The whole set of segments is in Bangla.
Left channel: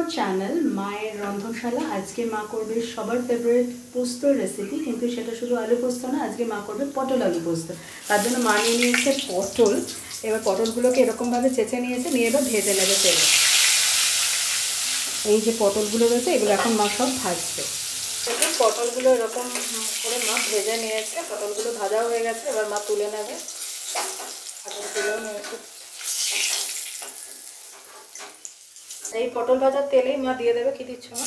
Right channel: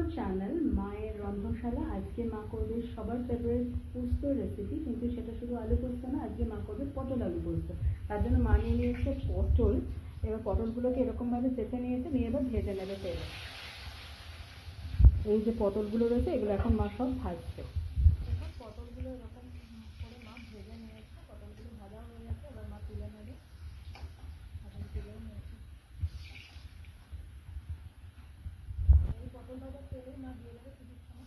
আওয়ার চ্যানেল মায়ের রন্ধনশালা। আজকে মা করবে সবার ফেভারিট পোস্তর রেসিপি, কিন্তু সেটা শুধু আলু পোস্ত না, আজকে মা করবে পটল আলু পোস্ত। তার জন্য মা নিয়ে নিয়েছে পটল। এবার পটলগুলোকে এরকমভাবে চেঁচে নিয়েছে, নিয়ে এবার ভেজে নেবে তেলে। এই যে পটলগুলো রয়েছে এগুলো এখন মা সব ভাজবে। দেখুন পটলগুলো এরকম করে মা ভেজে নিয়েছে, পটলগুলো ভাজা হয়ে গেছে। এবার মা তুলে নেবে, তুলেও নিয়েছে। এই পটল ভাজার তেলেই মা দিয়ে দেবে, কি দিচ্ছ মা?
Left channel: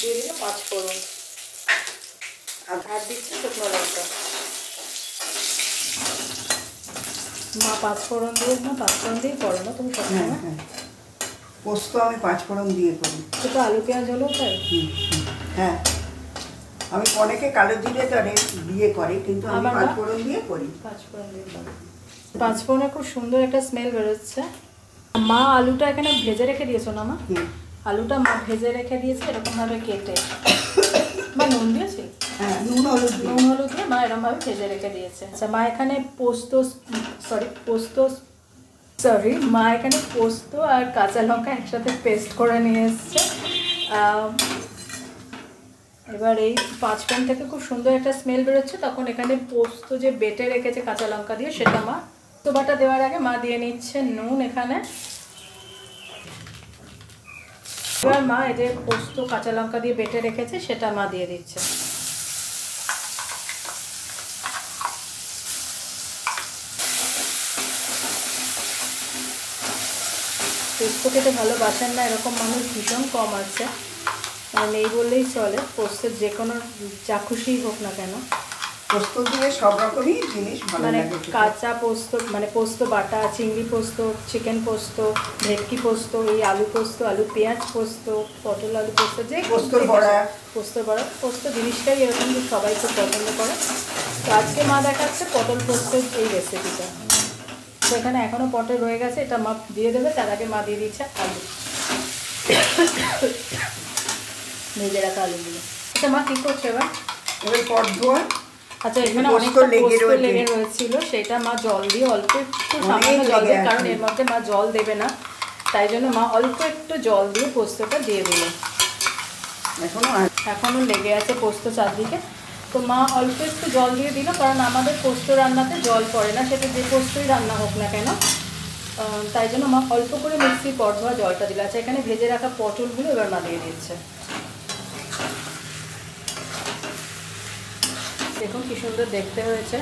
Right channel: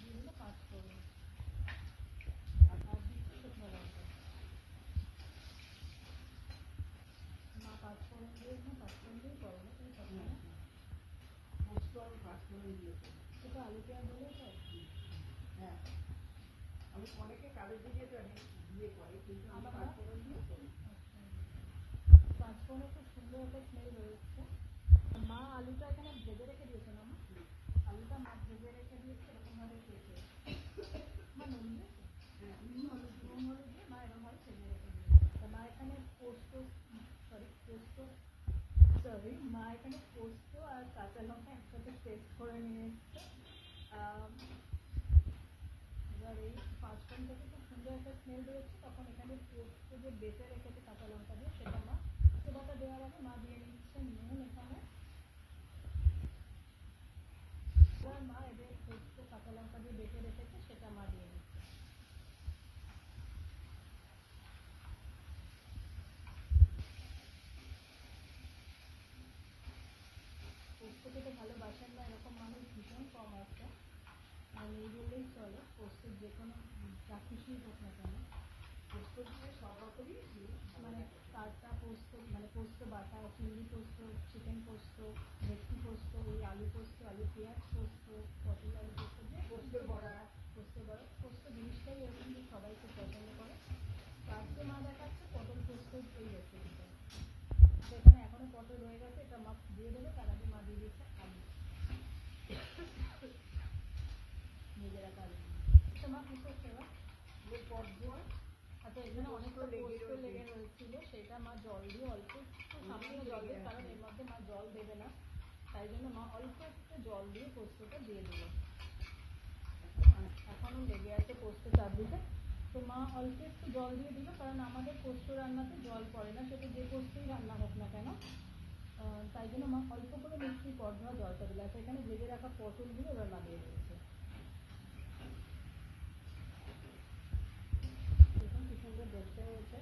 দিয়ে দিলে 5 ফোড়ন, আর দিচ্ছে শুকনো লঙ্কা। মা 5 ফোড়ন দিয়ে, না 5 ফোড়ন দিয়ে করো না তুমি সবসময়? হ্যাঁ, পোস্ত আমি 5 ফোড়ন দিয়ে করি। সেটা আলু পেঁয়াজ হলেও তাই? হ্যাঁ, আমি অনেকে কালো জিরে দিয়ে করে, কিন্তু আমি 5 ফোড়ন দিয়ে করি। 5 ফোড়ন দিয়ে করি। 5 ফোড়নে খুব সুন্দর একটা স্মেল বেরোচ্ছে। মা আলুটা এখানে ভেজে রেখে দিয়েছো না মা? আলুটা মা ভেজে রেখে দিয়েছে এরকমভাবে কেটে। মা নুন দিয়েছি? হ্যাঁ, নুন হলুদ দিয়ে মা এরকমভাবে ভেজে রেখে দিয়েছে। আচ্ছা, মা এখানে মা এখানে পোস্ত আর কাঁচা লঙ্কা একসাথে পেস্ট করে নিয়ে এসছে। এবার এই 5 ফোড়ন থেকে খুব সুন্দর একটা স্মেল বেরোচ্ছে, তখন এখানে পোস্ত যে বেটে রেখেছে কাঁচা লঙ্কা দিয়ে, সেটা মা তো বাটা দেওয়ার আগে মা দিয়ে নিচ্ছে নুন এখানে। এবার মা এই যে পোস্ত কাঁচা লঙ্কা দিয়ে বেটে রেখেছে সেটা মা দিয়ে দিচ্ছে। পোস্ত খেতে ভালোবাসেন না এরকম মানুষ ভীষণ কম আছে, মানে নেই বললেই চলে। পোস্তের যে কোনো যা খুশি হোক না কেন, পোস্ত দিয়ে সব রকমই জিনিস ভালো লাগে। মানে কাঁচা পোস্ত, মানে পোস্ত বাটা, চিংড়ি পোস্ত, চিকেন পোস্ত, ভেটকি পোস্ত, এই আলু পোস্ত, আলু পেঁয়াজ পোস্ত, পটল আলু পোস্ত, যে পোস্তর বড়া, পোস্ত জিনিসটাই এরকম সবাই খুব পছন্দ করে। তো আজকে মা দেখাচ্ছে পটল পোস্তের এই রেসিপিটা। তো এখানে এখনও পটল রয়ে গেছে, এটা মা দিয়ে দেবে। তার আগে মা দিয়ে দিচ্ছে আলু, ভেজে রাখা আলুগুলো। আচ্ছা মা কী করছে এবার? পট ধোয়া। আচ্ছা, এখানে অনেকটা পোস্ত লেগে রয়েছিল, সেটা মা জল দিয়ে অল্প একটু সামান্য জল দিয়ে, কারণ এর মধ্যে মা জল দেবে না, তাই জন্য মা অল্প একটু জল দিয়ে পোস্তটা দিয়ে দিল। এখনো লেগে আছে পোস্ত চারদিকে, তো মা অল্প একটু জল দিয়ে দিল, কারণ আমাদের পোস্ত রান্নাতে জল পড়ে না, সেটা যে পোস্তই রান্না হোক না কেন। তাই জন্য মা অল্প করে মিক্সির পট ধোয়া জলটা দিল। আচ্ছা, এখানে ভেজে রাখা পটলগুলো এবার মা দিয়ে দিচ্ছে। দেখুন কি সুন্দর দেখতে হয়েছে।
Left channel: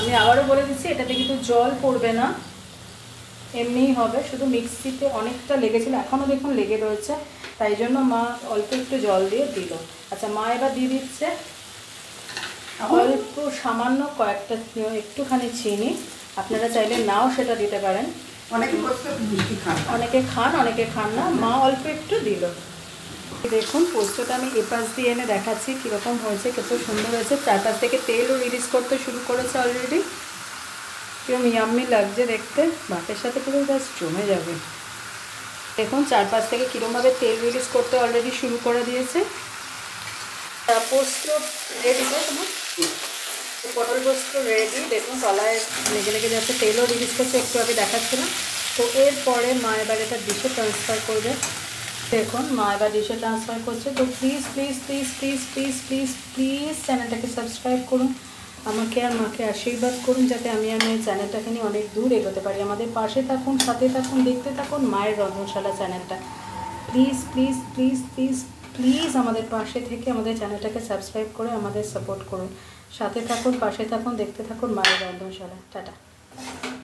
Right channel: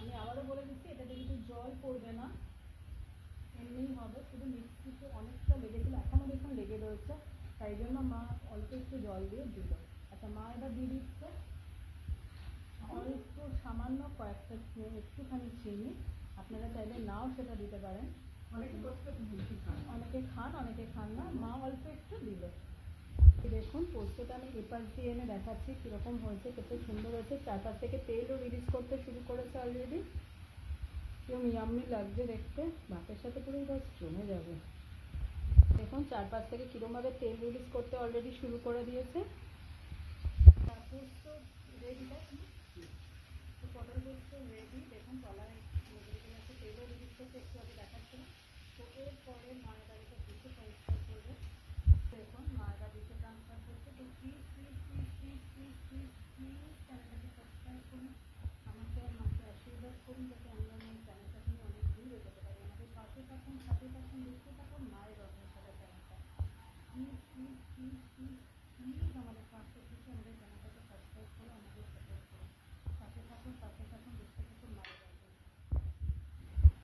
আমি আবারও বলে দিচ্ছি, এটাতে কিন্তু জল পড়বে না, এমনিই হবে, শুধু মিক্সিতে অনেকটা লেগেছিল, এখনও দেখুন লেগে রয়েছে, তাই জন্য মা অল্প একটু জল দিয়ে দিল। আচ্ছা, মা এবার দিয়ে দিচ্ছে অল্প সামান্য কয়েকটা একটুখানি চিনি, আপনারা চাইলে নাও সেটা দিতে পারেন। অনেকে খান অনেকে খান না, মা অল্প একটু দিল। দেখুন পোস্তটা আমি এপাশ দিয়ে এনে দেখাচ্ছি কীরকম হয়েছে, কত সুন্দর হয়েছে। চারপাশ থেকে তেলও রিলিজ করতে শুরু করেছে অলরেডি। কেউ ইয়াম্মি লাগছে দেখতে, ভাতের সাথে পুরো জাস্ট জমে যাবে। দেখুন চারপাশ থেকে কীরকমভাবে তেল রিলিজ করতে অলরেডি শুরু করে দিয়েছে। পোস্ত রেডি তো তোমার, পটল পোস্ত রেডি। দেখুন তলায় লেগে লেগে যাচ্ছে, তেলও রিলিজ করছে, একটু আগে দেখাচ্ছিলাম। তো এরপরে মা এবার এটা ডিশে ট্রান্সফার করবে। দেখুন মা এবার ডিশে ট্রান্সফার করছে। তো please please please please please please please চ্যানেলটাকে সাবস্ক্রাইব করুন, আমাকে আর মাকে আশীর্বাদ করুন, যাতে আমি এই চ্যানেলটাকে নিয়ে অনেক দূর এগোতে পারি। আমাদের পাশে থাকুন, সাথে থাকুন, দেখতে থাকুন মায়ের রন্ধনশালা চ্যানেলটা। Please please please please please আমাদের পাশে থেকে আমাদের চ্যানেলটাকে সাবস্ক্রাইব করে আমাদের সাপোর্ট করুন, সাথে থাকুন, পাশে থাকুন, দেখতে থাকুন মায়ের রন্ধনশালা। টাটা।